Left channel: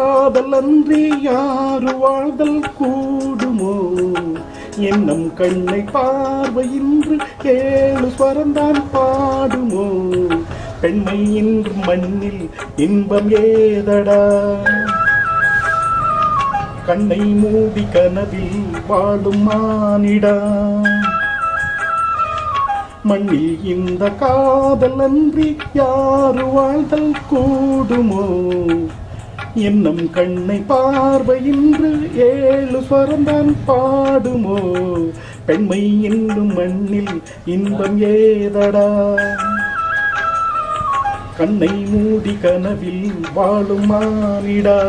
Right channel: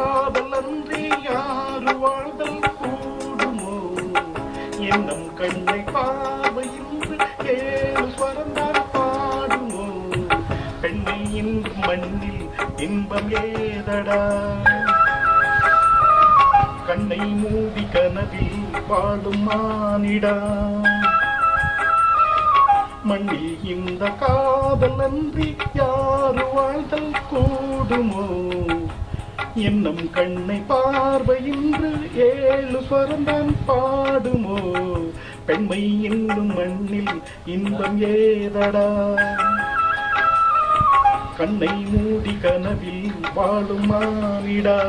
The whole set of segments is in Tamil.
காதல் அன்றி யாரு வாழ்தல் கூடுமோ? என்னும் கண்ணை பார்வையின்று ஏழு ஸ்வரந்தான் பாடுமோ? பெண்மை என்று மண்ணில் இன்பம் ஏதடா? கண்ணை மூடி கனவில் வாழும் மானிடா. மண்ணில் இந்த காதல் அன்றி யாரு வாழ்தல் கூடுமோ? என்னும் கண்ணை பார்வையின்று ஏழு ஸ்வரந்தான் பாடுமோ? பெண்மை என்னும் மண்ணில் இன்பம் ஏதடா? கண்ணை மூடி கனவில் வாழும் மானிடா.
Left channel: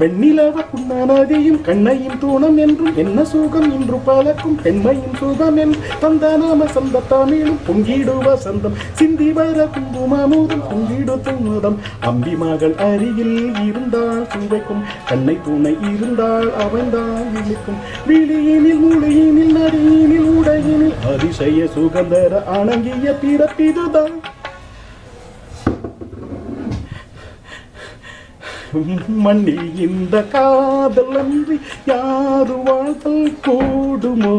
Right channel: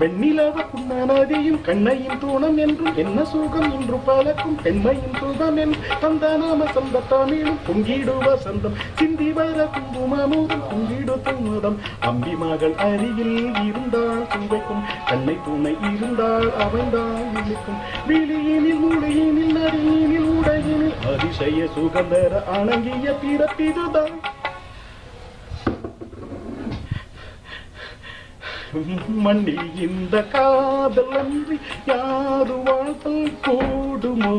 வெண்ணிலவ புன்னநதியும் கண்ணையும் தூணம் என்றும் என்ன சுகம் இன்று பலக்கும் பெண்மையின் சுகம் என்று தந்த நாம சந்த தமிழும் பொங்கிடு வசந்தம் சிந்தி வர குங்குமமுதம் பொங்கிடு துமுதம். அம்பி மகள் அருகில் இருந்தால் சுவைக்கும் கண்ணை துணை இருந்தால் அவன்தான் இழுக்கும். விழியினில் மொழியினில் நடியினில் உடையினில் அதிசய சுகந்தர அணங்கிய பிறப்பிதுதான். மண்ணில் இந்த காதல் அன்றி யாரு வாழ்தல் கூடுமோ?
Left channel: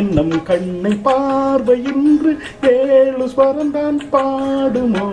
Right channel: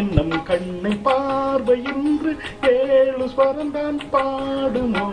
என்னும் கண்ணை பார்வையின்று ஏழு ஸ்வரந்தான் பாடுமோ?